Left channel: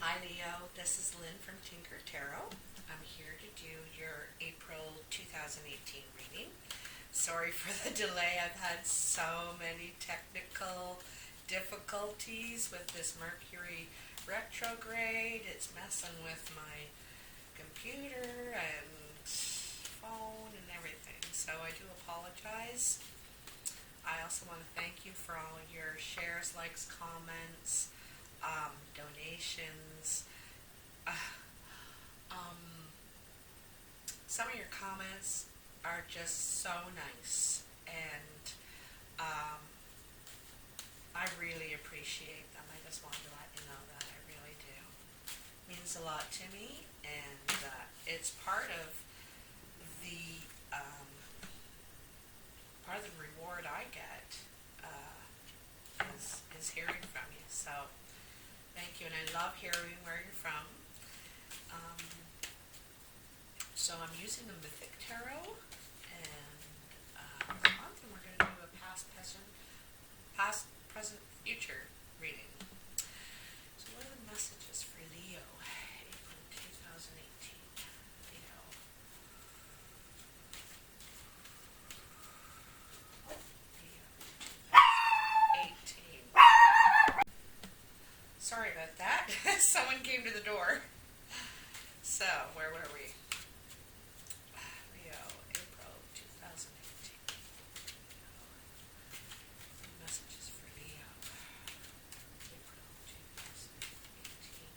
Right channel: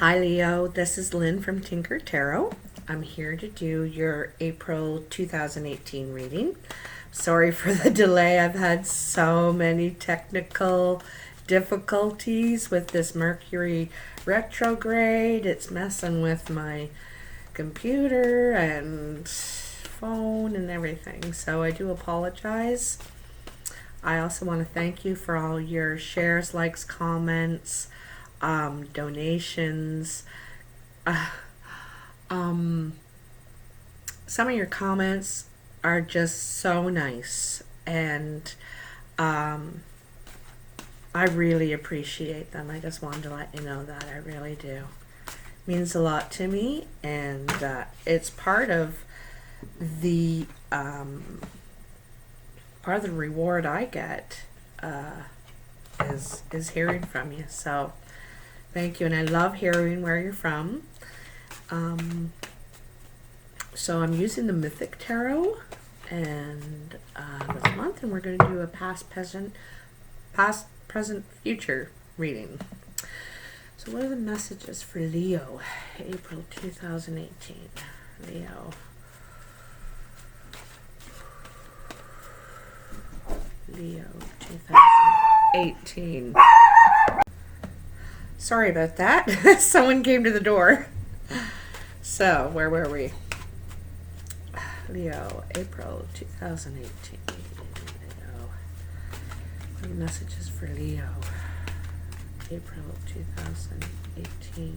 Hi Leo, this is Lynn from Tinker Tarot. I'm here to do your April 2018 reading. Sorry for the delay. I've had so many technical difficulties with this Mercury retrograde. It's messing with my computer and phone and everything. So I do apologize. I also want to thank you for all your shares, likes, comments, donations. Uh, um, some of your comments are just so nice, and um, I really appreciate them. I just wanted to let you know that I really do. It means a lot to me, and it's the part of the reward I get is hearing from you. So thank you, and I love hearing where you're from. So I'm using the Mythic Tarot and this month, and we're going to do a past, present, future reading. So what are the messages for Leo, April 2018? Leo. Leo 2018. Sorry about that. Someone came to the door. So, where were we? Leo, April 2018. Leo. What are the messages for Leo? April 2018.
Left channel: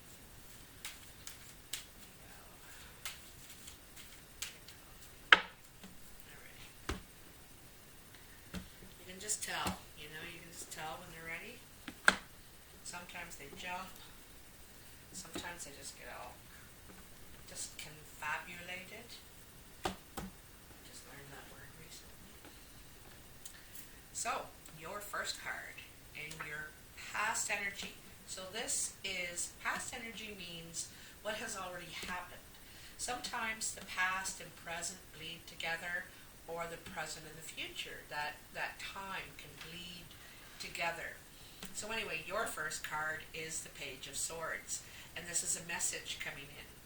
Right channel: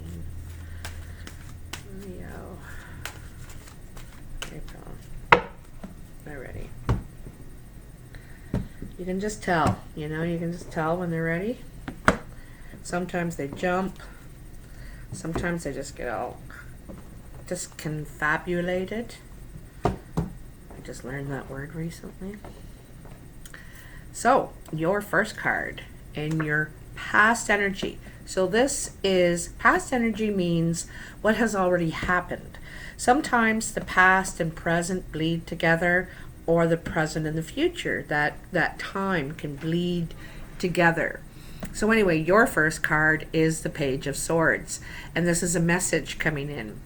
Leo. April. Alrighty. You can just tell, you can just tell when they're ready. Sometimes they jump. Sometimes they just get all confabulated. I just learned that word recently. So, your first card in your past energy. So this is, past energy means what has already happened. Sometimes the past and present bleed together, or the present and the future. That time can bleed together. So anyway, your first card is the Page of Swords, and this is a message coming in.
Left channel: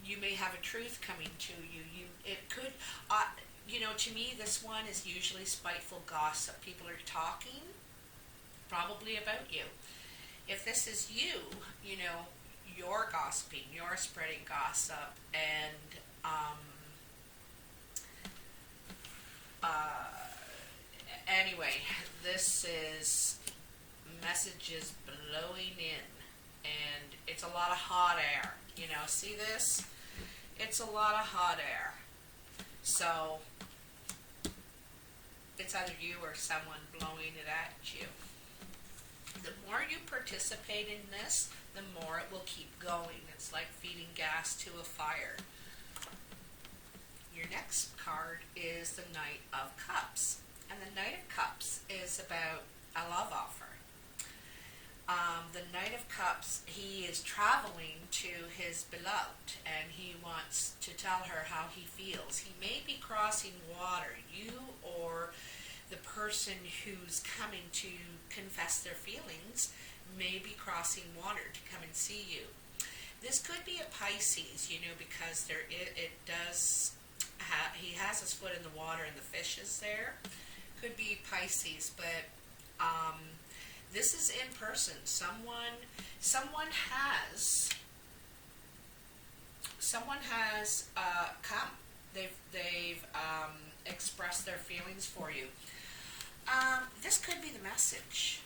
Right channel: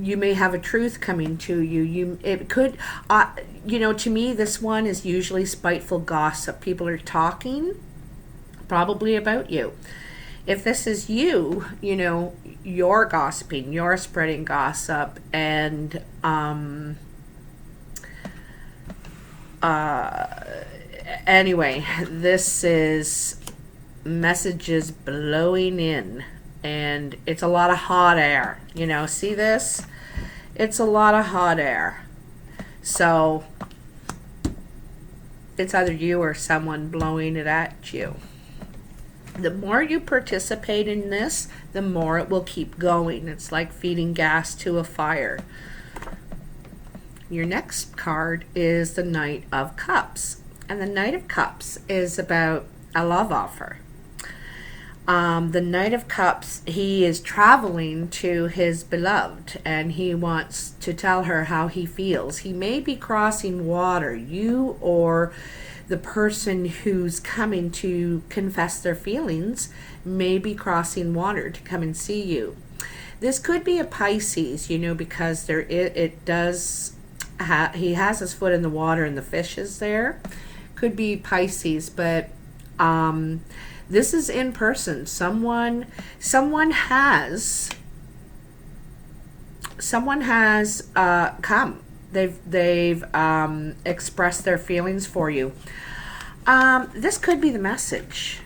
You may have a truth coming to you. It could, to me, this one is usually spiteful gossip. People are talking probably about you. If this is you, you're gossiping, you're spreading gossip, and anyway, this is messages blowing in, and it's a lot of hot air. See this? It's a lot of hot air. So it's either you or someone blowing it at you. The more you participate in this, the more it will keep going. It's like feeding gas to a fire. Your next card is the Knight of Cups. And the Knight of Cups is about a love offer. The Knight of Cups, he is traveling to his beloved, and he wants to tell her how he feels. He may be crossing water, you or the person who's coming to confess their feelings may be crossing water to come and see you. This could be a Pisces, because he has his foot in the water and the fish is there. Could be Pisces, but this is in person. Someone has come. They've expressed their feelings for you. This could be the message,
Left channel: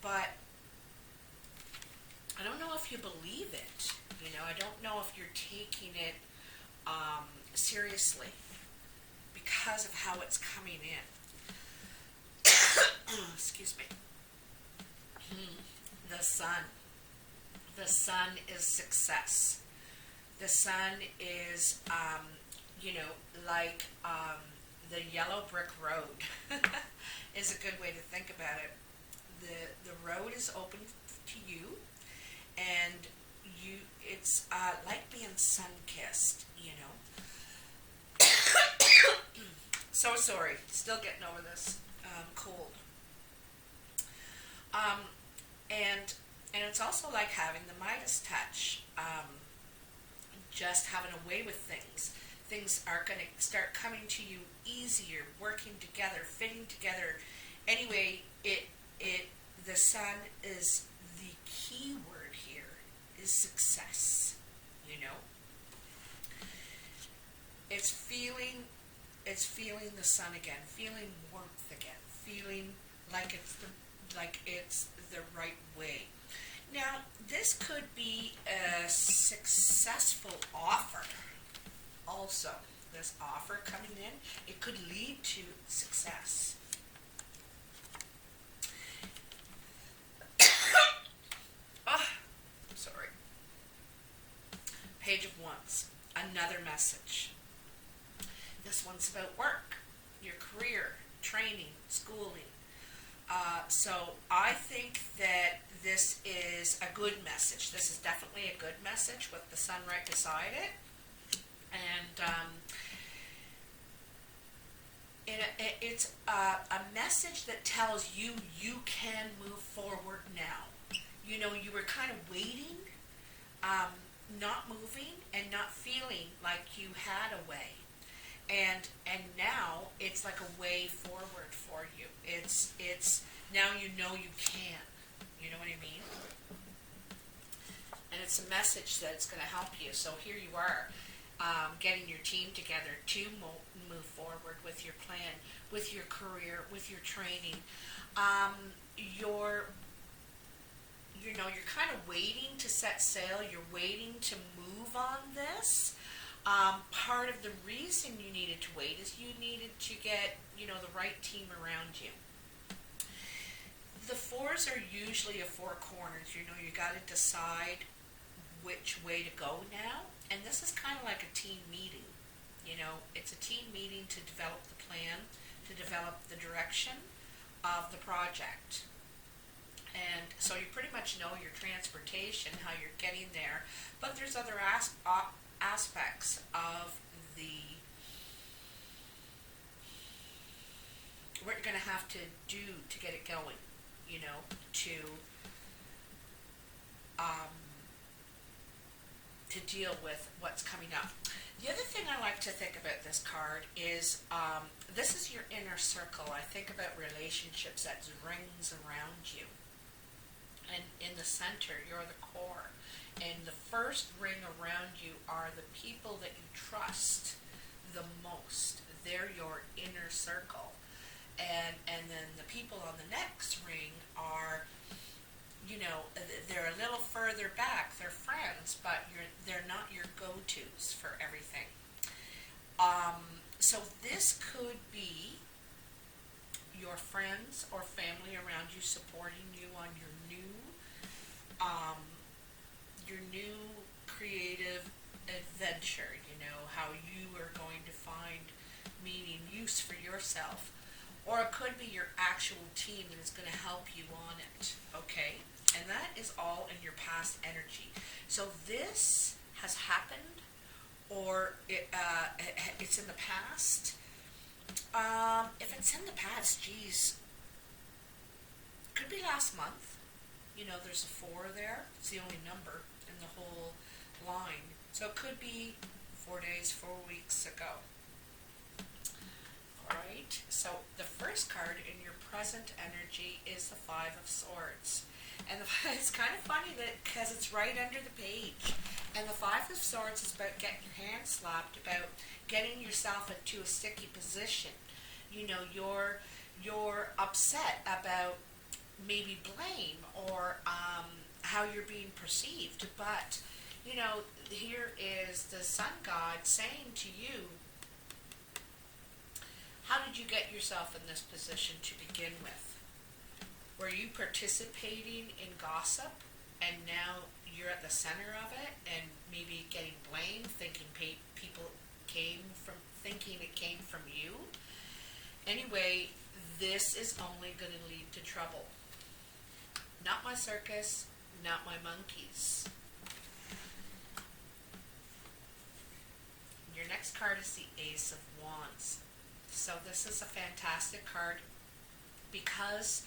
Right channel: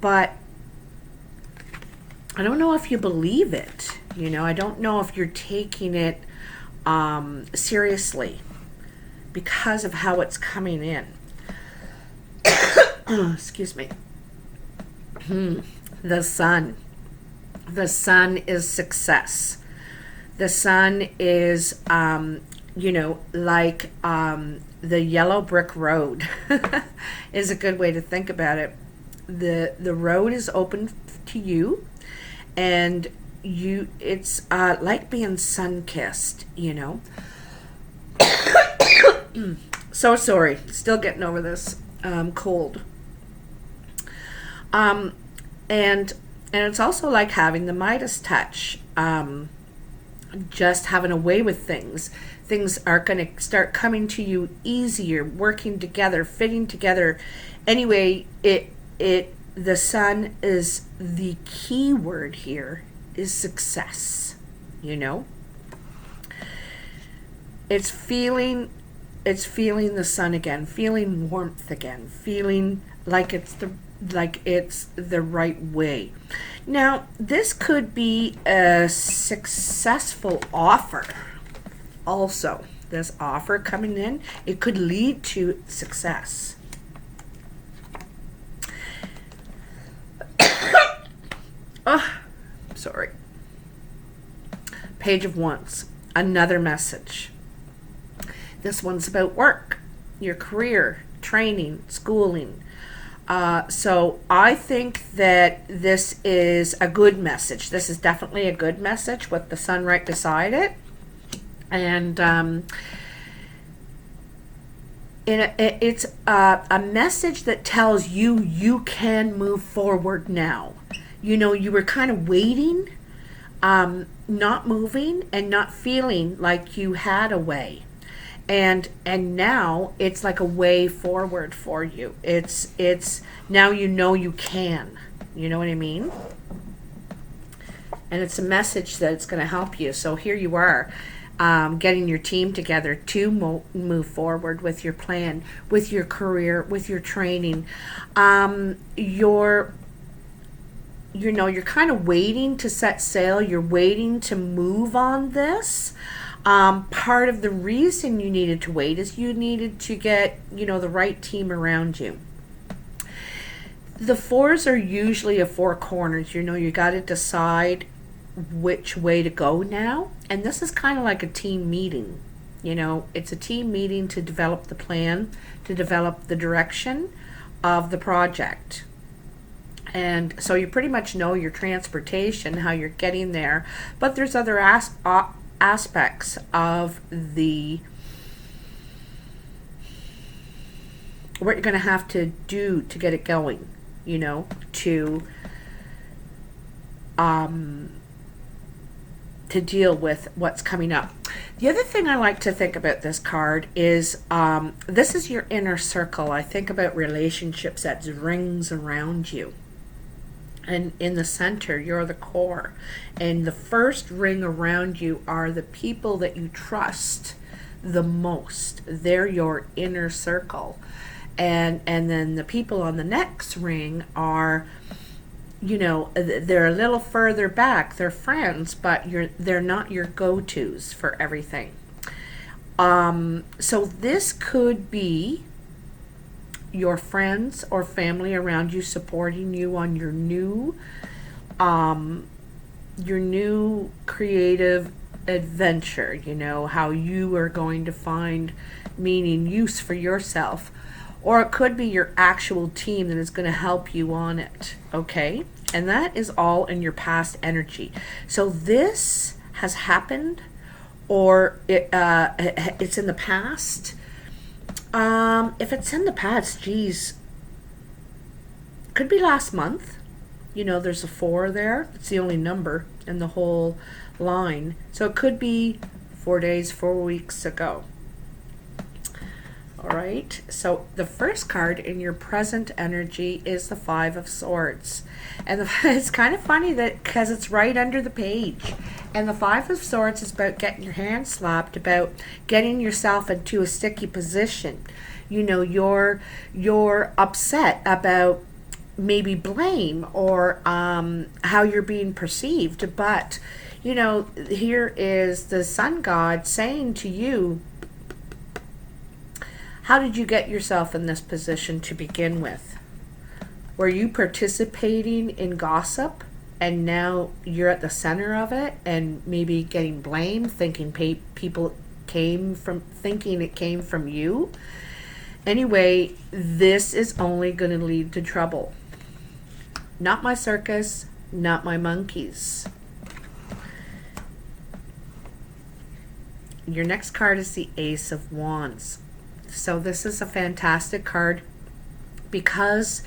but I don't know if you believe it. I don't know if you're taking it seriously because of how it's coming in. Excuse me. The Sun. The Sun is success. The Sun is, like the yellow brick road is a good way to think about it. The road is open to you, and it's like being sun-kissed, So sorry, still getting over this cold. And And it's also like having the Midas touch, just having a way with things. Things are going to start coming to you easier, working together, fitting together. Anyway, the sun is the key word here is success. You know, it's feeling the sun again, feeling warmth again, feeling like it's the right way. Now, this could be a successful offer. Also, this offer coming in, it could lead to success. Oh, sorry. Page of Wands, another message. This one's about work, your career, training, schooling. So I think that this is a good message. This is definitely a good message with the sun right beside it. And it's a message that tells you you can move forward now. You know, you were kind of waiting, not moving and not feeling like you had a way. And now it's like a way forward for you. It's now you know you can. You know what I mean? And it's a message that it's going to help you. So here you are, getting your team together to move forward with your plan, with your career, with your training. You're kind of waiting to set sail. You're waiting to move on this. Part of the reason you needed to wait is you needed to get, the right team around you. The fours are usually a four corners. You got to decide which way to go now. And this is kind of like a team meeting. It's a team meeting to develop the plan, to develop the direction of the project. And so you pretty much know your transportation, how you're getting there. But there's other aspects of what you're going to have to do to get it going, to deal with what's coming up. The other thing I like to think about this card is this is your inner circle. I think about relationships as rings around you. And in the center, you're the core. And the first ring around you are the people that you trust the most. They're your inner circle. And then the people on the next ring are, they're a little further back. They're friends, but they're not your go-tos for everything. So this could be your friends or family around you supporting you on your new creative adventure, how you are going to find meaning, use for yourself. Or it could be your actual team that is going to help you on it, okay? And that is all in your past energy. So this has happened, or it's in the past. If it's in the past, geez, could be last month. There's a 4 there. It's the only number in the whole line. So it could be 4 days, 4 weeks ago. All right. So the first card in your present energy is the 5 of Swords. And it's kind of funny that because it's right under the page. And the 5 of Swords is about getting your hand slapped, about getting yourself into a sticky position. You're upset about maybe blame or how you're being perceived. But, here is the sun god saying to you, how did you get yourself in this position to begin with? Were you participating in gossip and now you're at the center of it and maybe getting blamed, thinking people thinking it came from you? Anyway, this is only going to lead to trouble. Not my circus, not my monkeys. Your next card is the Ace of Wands. So this is a fantastic card because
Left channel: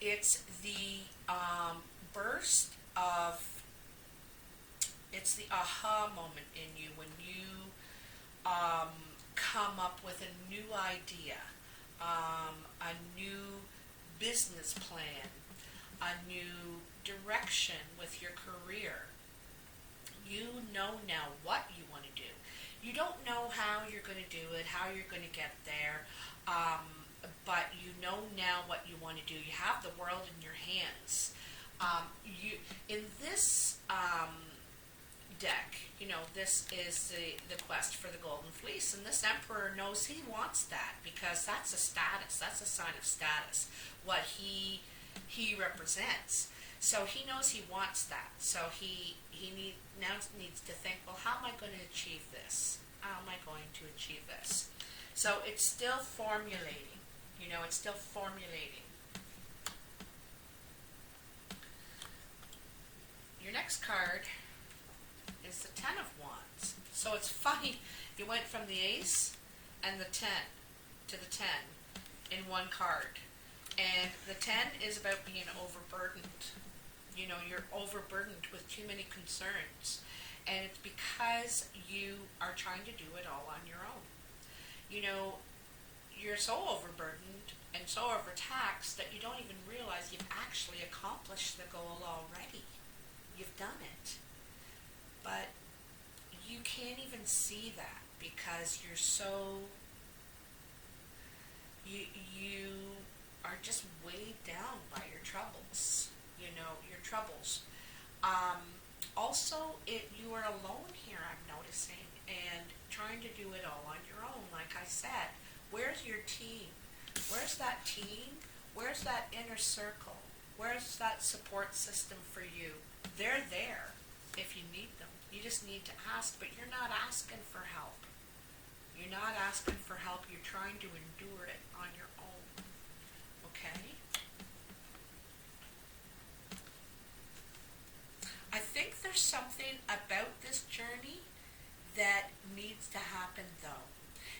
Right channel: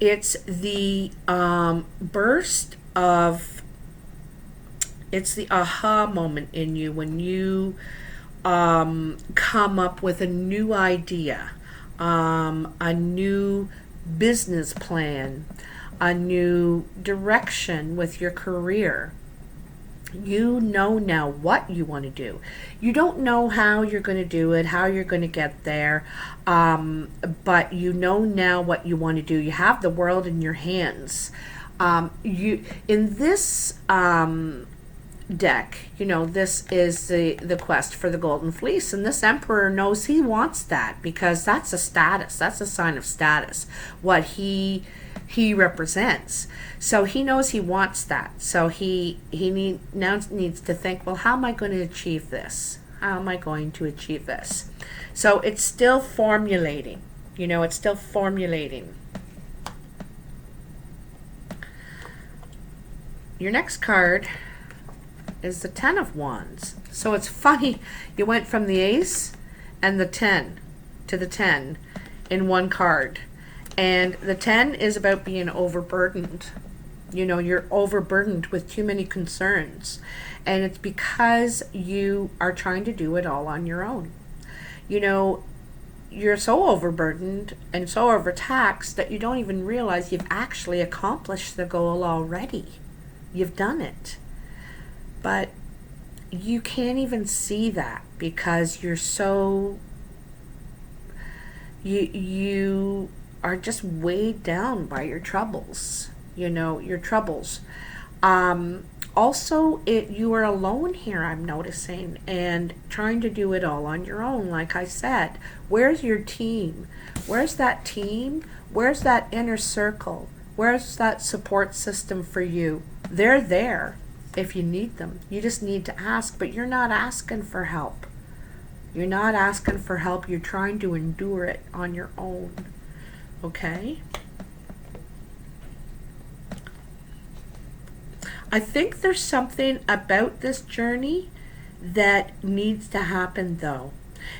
It's the burst of, it's the aha moment in you when you come up with a new idea, a new business plan, a new direction with your career. You know now what you want to do. You don't know how you're going to do it, how you're going to get there, but you know now what you want to do. You have the world in your hands. You in this deck, you know, this is the quest for the golden fleece, and this emperor knows he wants that because that's a status. That's a sign of status. What he represents. So he knows he wants that. So now needs to think, well, how am I going to achieve this? How am I going to achieve this? So it's still formulating. You know, it's still formulating. Your next card is the Ten of Wands. So it's funny, you went from the Ace and the 10 to the 10 in one card. And the 10 is about being overburdened. You know, you're overburdened with too many concerns. And it's because you are trying to do it all on your own. You know, you're so overburdened and so overtaxed that you don't even realize you've actually accomplished the goal already. You've done it. But you can't even see that because you're so, you are just weighed down by your troubles, you know, your troubles. Also, you are alone here, I'm noticing, and trying to do it all on your own. Like I said, where's your team? Where's that team? Where's that inner circle? Where's that support system for you? They're there if you need them. You just need to ask, but you're not asking for help. You're not asking for help. You're trying to endure it on your own. Okay? I think there's something about this journey that needs to happen, though.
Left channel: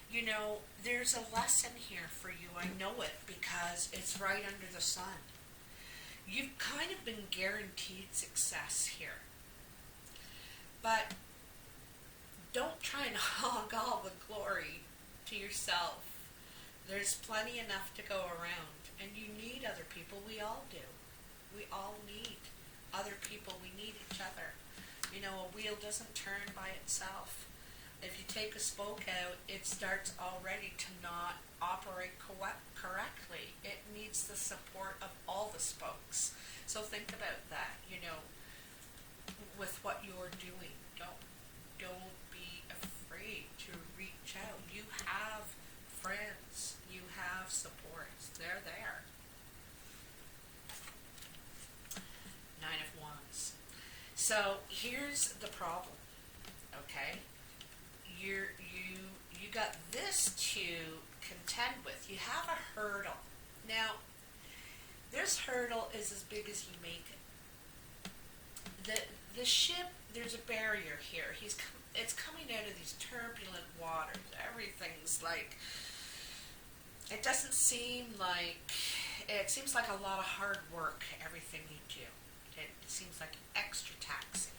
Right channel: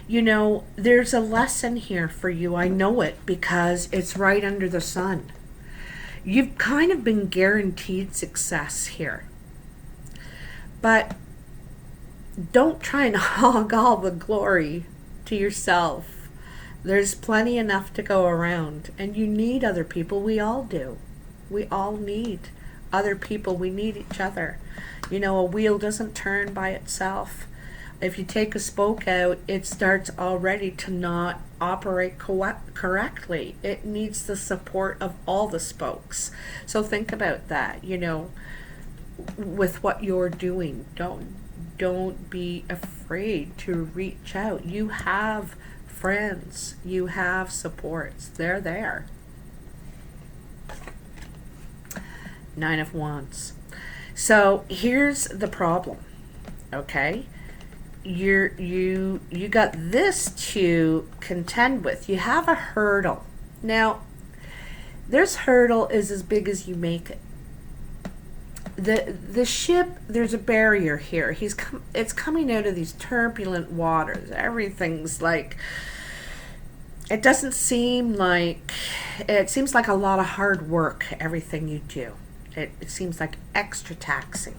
You know, there's a lesson here for you. I know it because it's right under the sun. You've kind of been guaranteed success here. But don't try and hog all the glory to yourself. There's plenty enough to go around, and you need other people. We all do. We all need other people. We need each other. You know, a wheel doesn't turn by itself. If you take a spoke out, it starts already to not operate correctly. It needs the support of all the spokes. So think about that, you know, with what you're doing. Don't be afraid to reach out. You have friends. You have supports. They're there. Nine of Wands. So here's the problem, okay? You got this to contend with. You have a hurdle. Now, this hurdle is as big as you make it. The ship, there's a barrier here. It's coming out of these turbulent waters. Everything's like, it doesn't seem like, it seems like a lot of hard work, everything you do. It seems like extra taxing.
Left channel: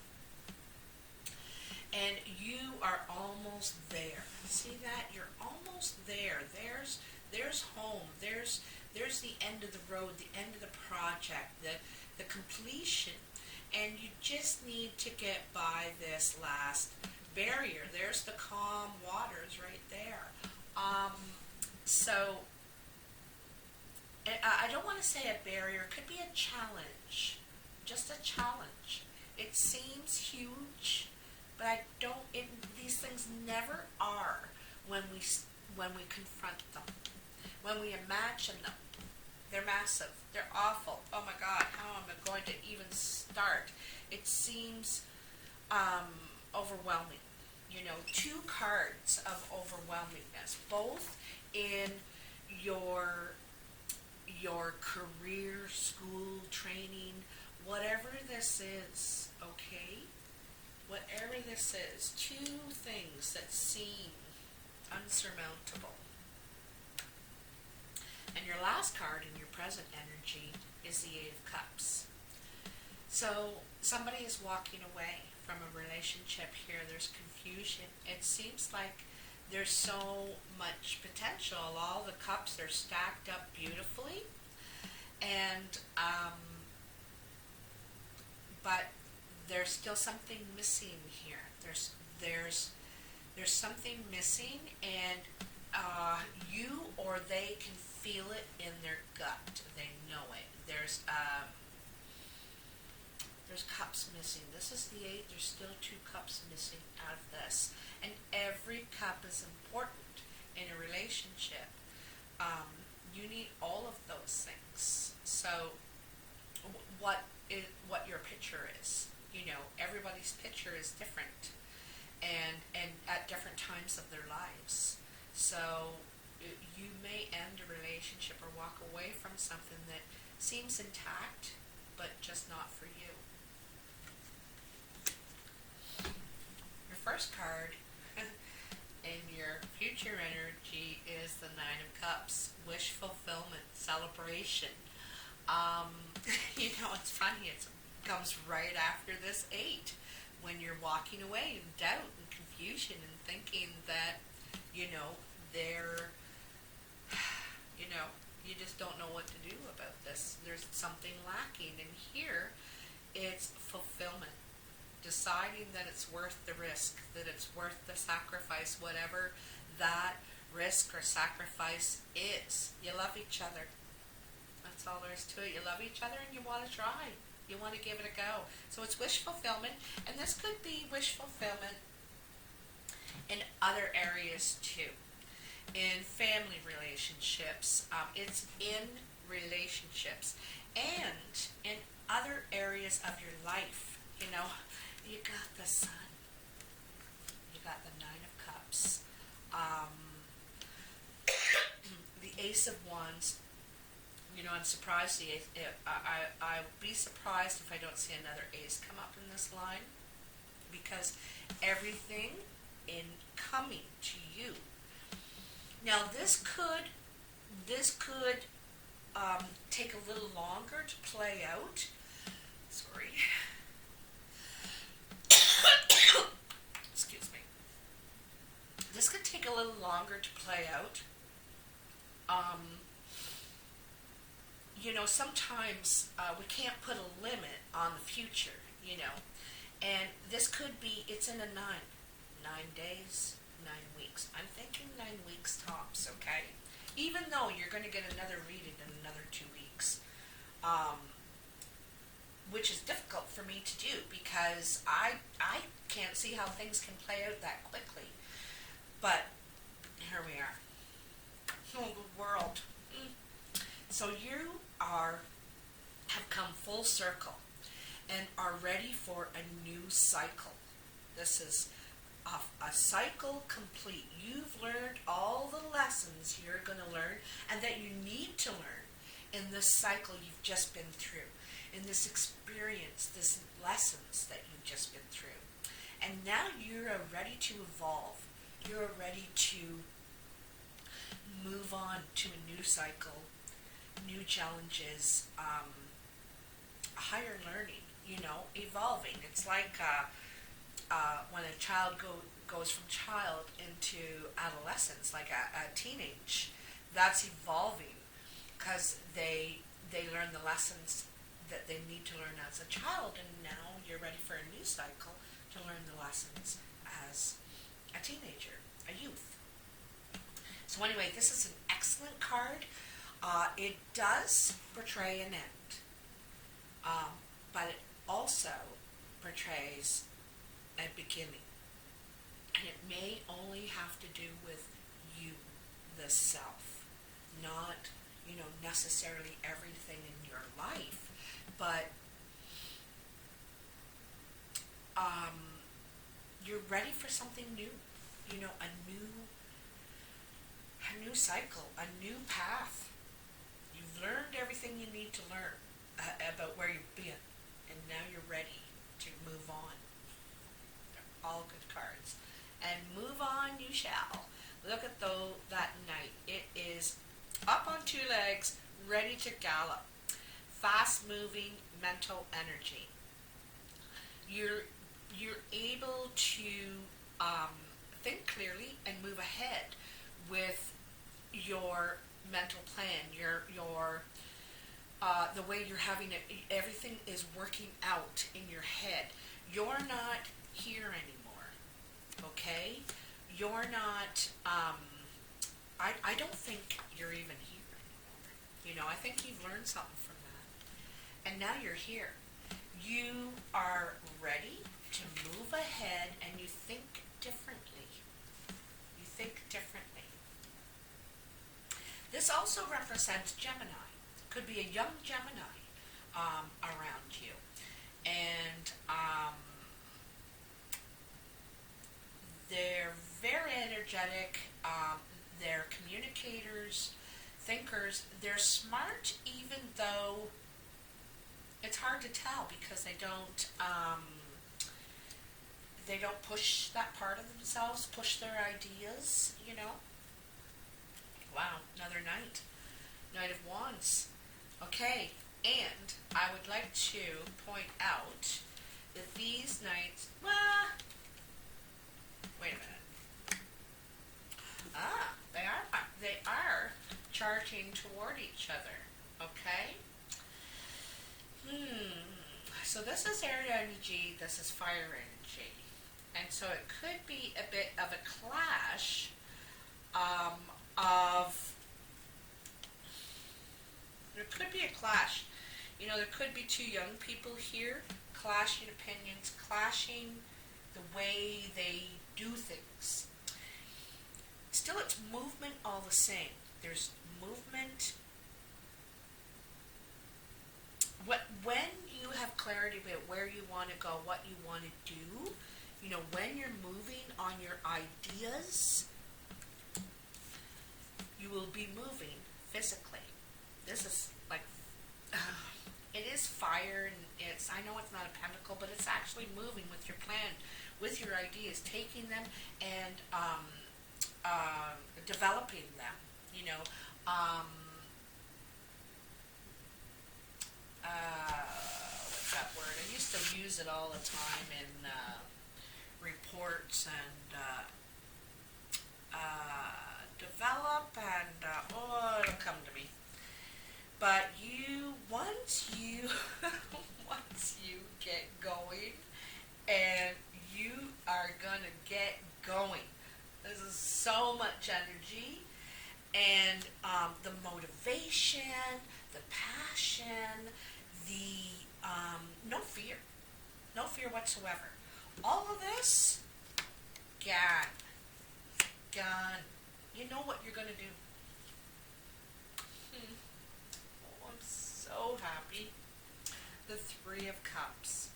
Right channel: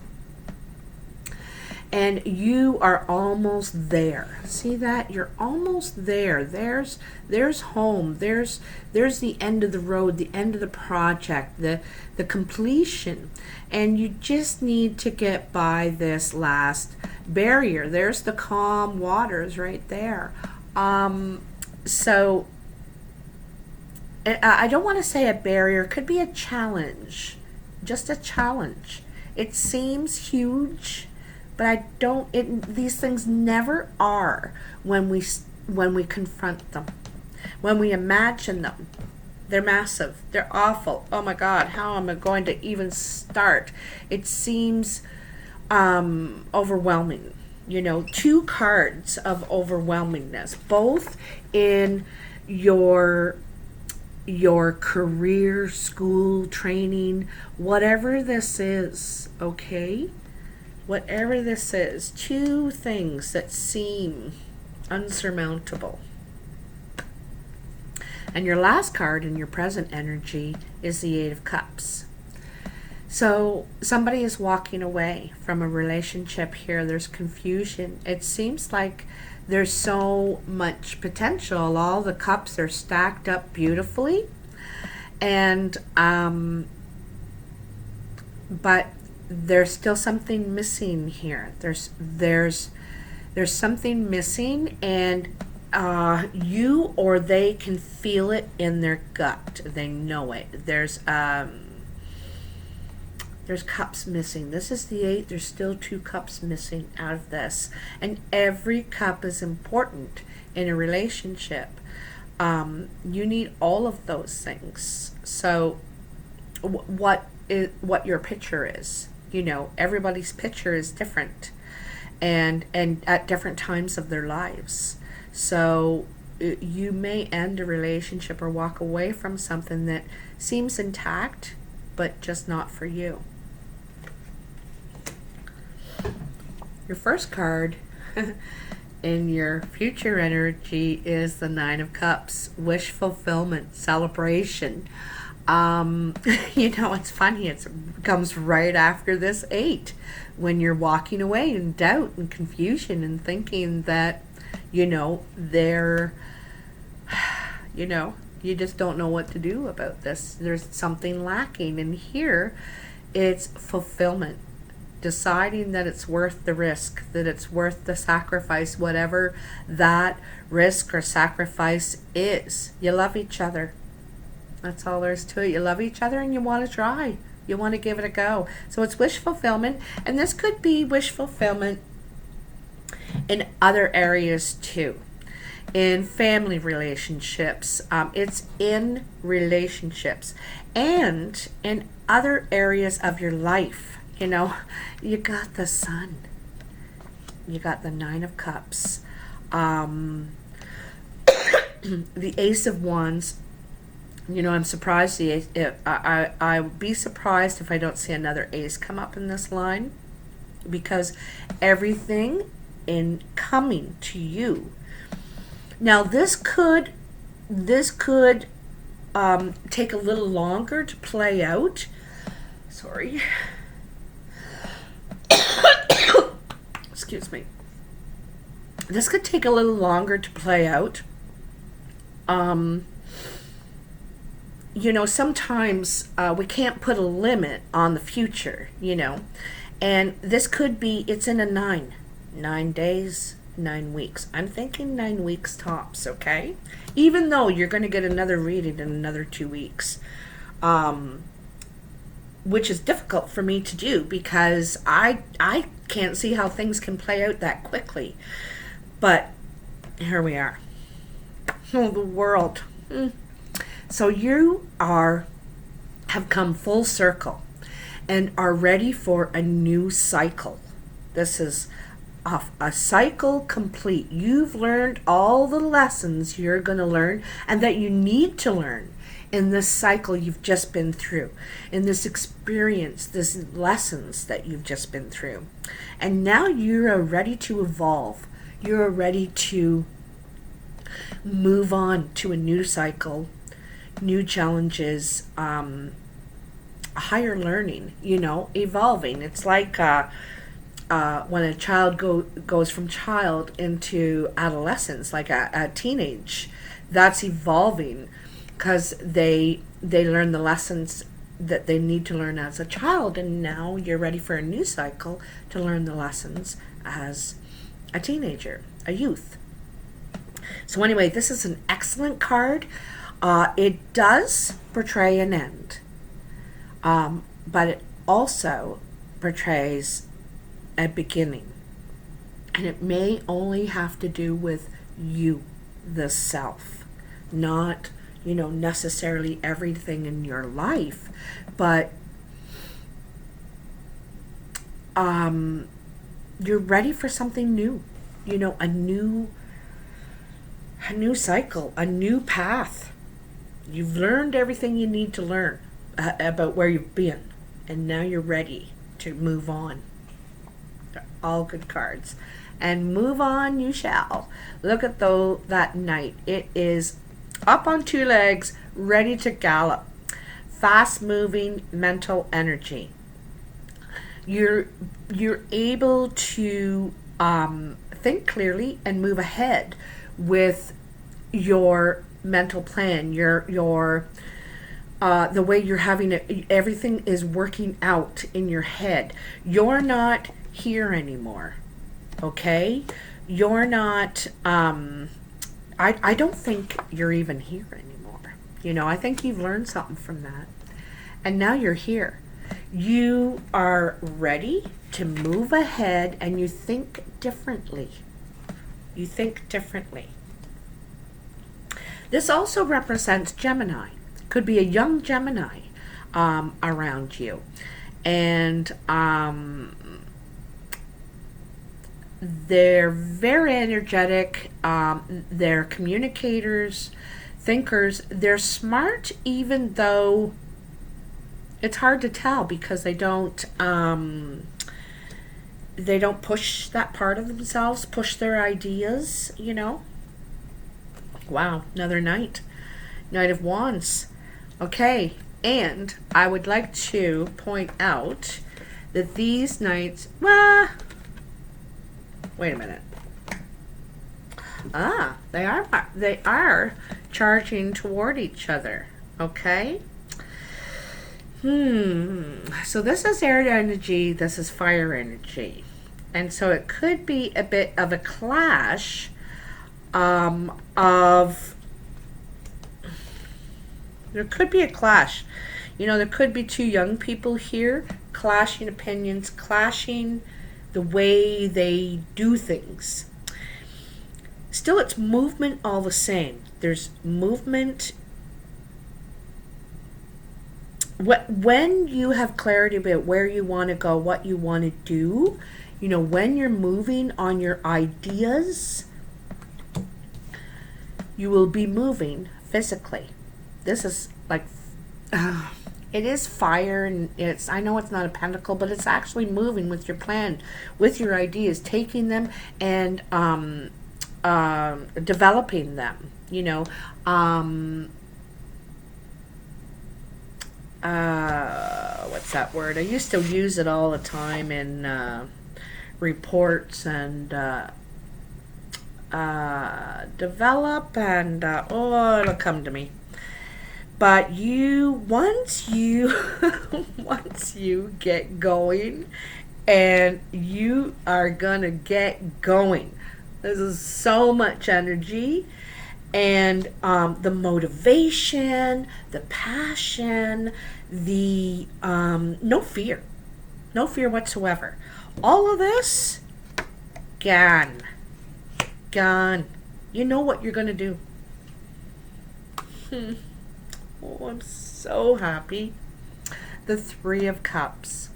And you are almost there. See that? You're almost there. There's home. There's the end of the road, the end of the project, the completion. And you just need to get by this last barrier. There's the calm waters right there. So I don't want to say a barrier. It could be a challenge. Just a challenge. It seems huge, but I don't. These things never are when we confront them, when we imagine them. They're massive. They're awful. Oh my God! How am I going to even start? It seems overwhelming. You know, two cards of overwhelmingness, both in your career, school, training, whatever this is, okay? Whatever this is, two things that seem unsurmountable. And your last card in your present energy is the Eight of Cups. So somebody is walking away from a relationship here. There's confusion. It seems like there's so much potential. All the cups are stacked up beautifully. And but there's still something missing here. There's something missing, and you or they can feel it in their gut. They know it. There's cups missing. This is the 8. There's still 2 cups missing out of this. And every cup is important in a relationship. You need all of those things. So what your picture is, everybody's picture is different, and at different times of their lives. So you may end a relationship or walk away from something that seems intact, but just not for you. Your first card in your future energy is the 9 of Cups. Wish fulfillment, celebration. It's funny. It comes right after this 8. When you're walking away in doubt and confusion and thinking that, they're, you just don't know what to do about this. There's something lacking. And here, it's fulfillment. Deciding that it's worth the risk, that it's worth the sacrifice, whatever that risk or sacrifice is. You love each other. That's all there is to it. You love each other and you want to try. You want to give it a go. So it's wish fulfillment, and this could be wish fulfillment in other areas too. In family relationships, it's in relationships, and in other areas of your life. You got the Sun. You got the 9 of Cups. The Ace of Wands. I'm surprised. I'll be surprised if I don't see another ace come up in this line, because everything in coming to you. Now this could take a little longer to play out. Sorry. Excuse me. This could take a little longer to play out. Sometimes we can't put a limit on the future, and this could be, it's in a 9 days, 9 weeks. I'm thinking 9 weeks tops, okay? Even though you're going to get another reading in another 2 weeks, which is difficult for me to do because I can't see how things can play out that quickly. But here we are. Oh, the world. So you have come full circle and are ready for a new cycle. This is a cycle complete. You've learned all the lessons you're going to learn and that you need to learn in this cycle you've just been through, in this experience, this lessons that you've just been through. And now you're ready to evolve. You're ready to move on to a new cycle, new challenges, higher learning, evolving. It's like when a child goes from child into adolescence, like a teenage, that's evolving because they learn the lessons that they need to learn as a child, and now you're ready for a new cycle to learn the lessons as a teenager, a youth. So anyway, this is an excellent card. It does portray an end, but it also portrays a beginning. And it may only have to do with you, the self, not, necessarily everything in your life, but you're ready for something new, a new cycle, a new path. You've learned everything you need to learn about where you've been, and now you're ready to move on. They're all good cards. And move on you shall. Look at that Knight. It is up on two legs, ready to gallop. Fast moving mental energy. You're able to think clearly and move ahead with your mental plan, your the way you're having it, everything is working out in your head. You're not here anymore, okay? You're not, I don't think you're even here anymore. You know, I think you've learned something from that. And now you're here. You are ready to move ahead and you think differently. You think differently. This also represents Gemini. Could be a young Gemini around you. And they're very energetic. They're communicators, thinkers. They're smart even though it's hard to tell because they don't push that part of themselves, push their ideas, you know. Wow, another Knight of Wands. Okay, and I would like to point out that these Knights, well, wait a minute. They are charging toward each other. Okay. So this is air energy, this is fire energy. And so it could be a bit of a clash there could be a clash. You know, there could be two young people here, clashing opinions, clashing the way they do things. Still, it's movement all the same. There's movement. When you have clarity about where you want to go, what you want to do, you know, when you're moving on your ideas, you will be moving physically. This is like, it is fire, and I know it's not a pentacle, but it's actually moving with your plan, with your ideas, taking them and developing them, you know. What's that word? I used to use it all the time in reports and develop and it'll come to me. But once you get going, and you are gonna get going. This is so much energy, and the motivation, the passion, the no fear whatsoever. All of this, gone. You know what you're gonna do. Oh, I'm so happy. The Three of Cups.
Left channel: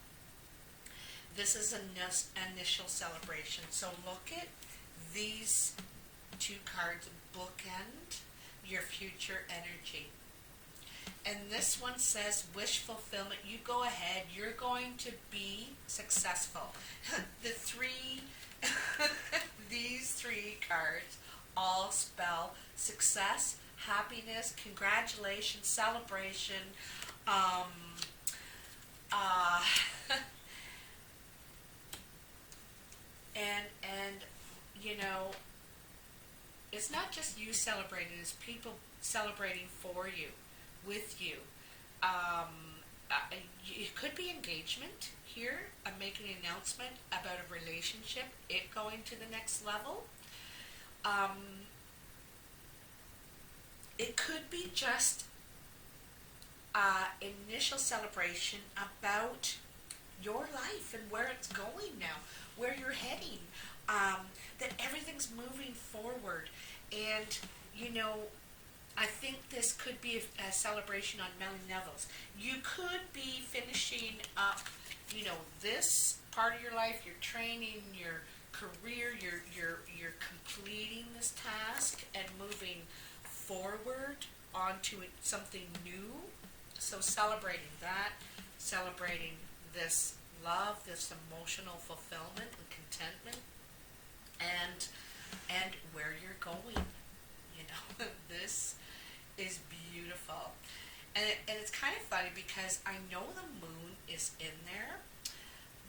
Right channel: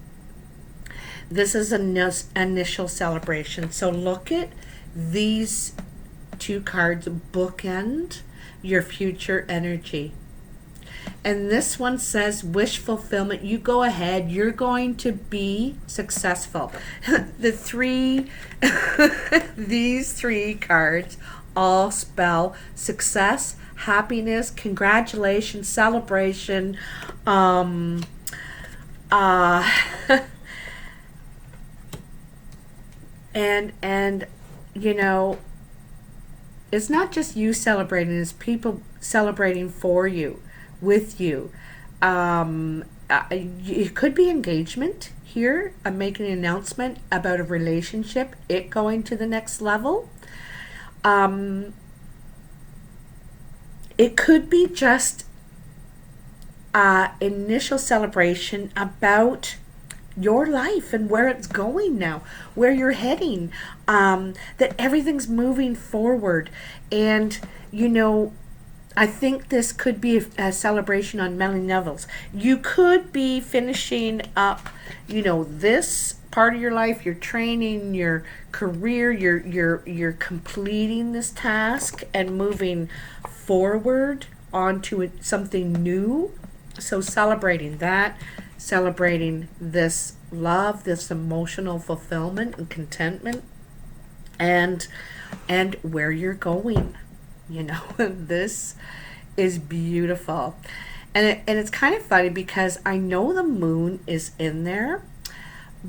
This is an initial celebration. So look at these two cards bookend your future energy. And this one says wish fulfillment. You go ahead. You're going to be successful. These three cards all spell success, happiness, congratulations, celebration, and you know, it's not just you celebrating, it's people celebrating for you, with you. It could be engagement here. I'm making an announcement about a relationship, it going to the next level. It could be just initial celebration about your life and where it's going now, where you're heading, that everything's moving forward. And, you know, I think this could be a celebration on many levels. You could be finishing up, you know, this part of your life, your training, your career, you're completing this task and moving forward onto something new. So celebrating that, celebrating this love, this emotional fulfillment and contentment, and where you're going. You know, this is beautiful. And it's kind of funny because I know the moon is in there,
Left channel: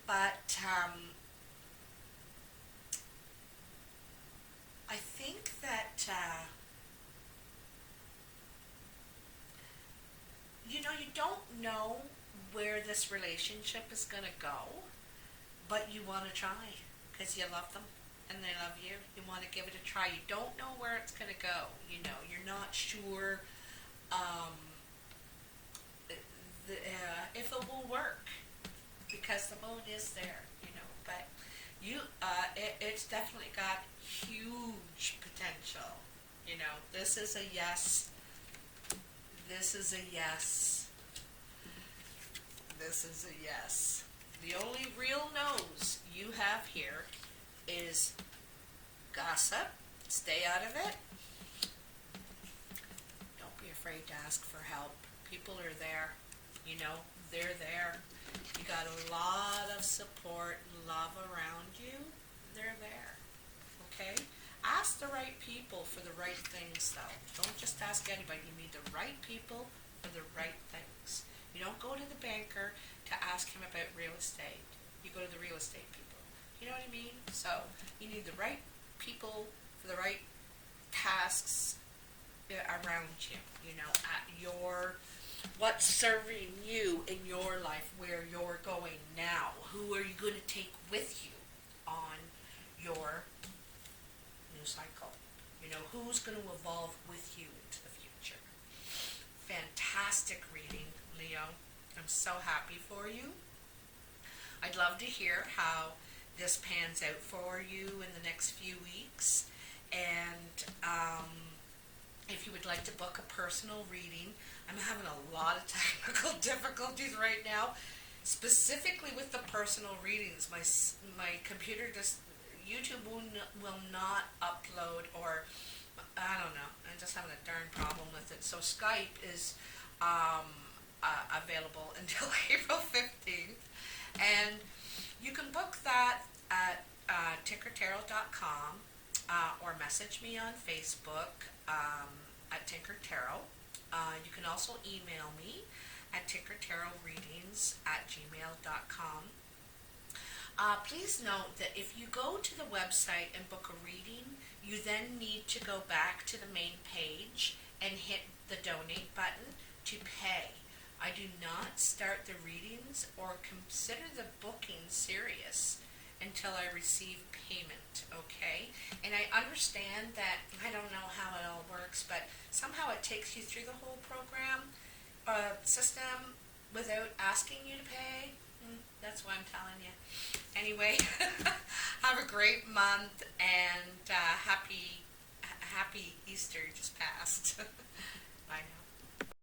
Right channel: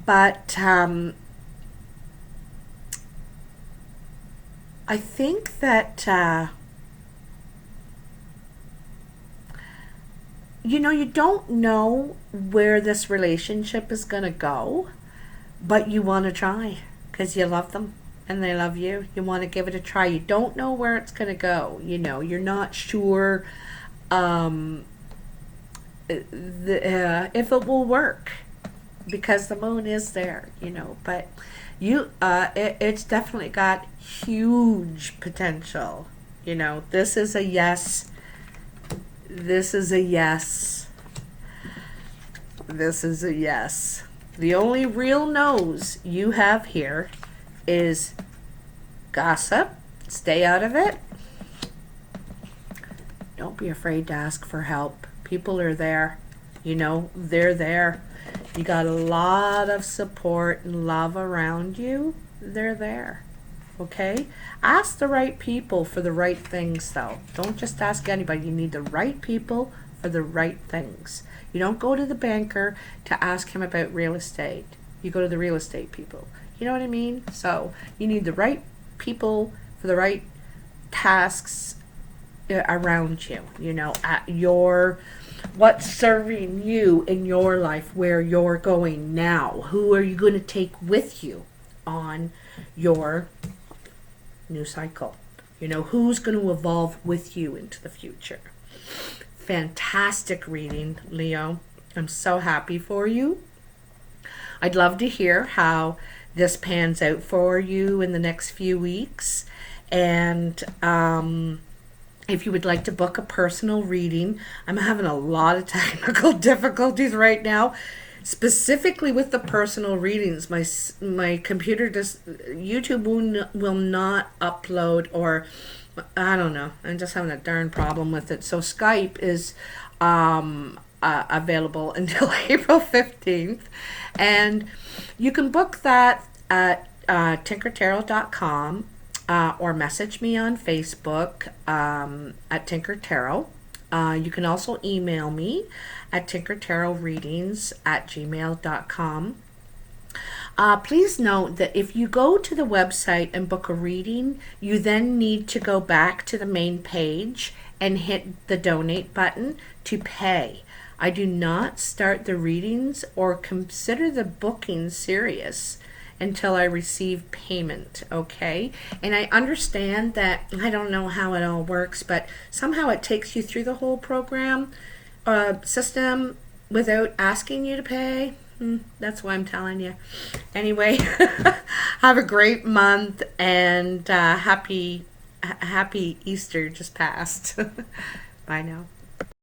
but I think that you don't know where this relationship is going to go, but you want to try because you love them and they love you. You want to give it a try. You don't know where it's going to go. You're not sure um, if it will work because the moon is there, but it's definitely got huge potential. This is a yes. This is a yes. This is a yes. The only real no's you have here is gossip. Stay out of it. Don't be afraid to ask for help. People are there. They're there. You got a lot of support and love around you. They're there. Okay? Ask the right people for the right things, though. Don't just ask anybody. You need the right people for the right things. You don't go to the banker to ask him about real estate. You go to the real estate people. You know what I mean? So you need the right people for the right tasks around you. At what's serving you in your life, where you're going now. Who are you going to take with you on your new cycle? Who's going to evolve with you into the future? Fantastic reading, Leo. I'm so happy for you. I'd love to hear how this pans out for you in the next few weeks. And if you would like to book a personal reading, I'm having a lot of technical difficulties right now, specifically with the personal readings. My computer YouTube will not upload, or I don't know. I'm just having a darn problem with it. So Skype is available until April 15th, and you can book that at tinkertarot.com. Or message me on Facebook at Tinker Tarot. You can also email me at tinkertarotreadings@gmail.com. Please note that if you go to the website and book a reading, you then need to go back to the main page and hit the donate button to pay. I do not start the readings or consider the booking serious until I receive payment, okay? And I understand that, I don't know how it all works, but somehow it takes you through the whole program system without asking you to pay. That's why I'm telling you. Anyway, have a great month, and happy Easter just passed. Bye now.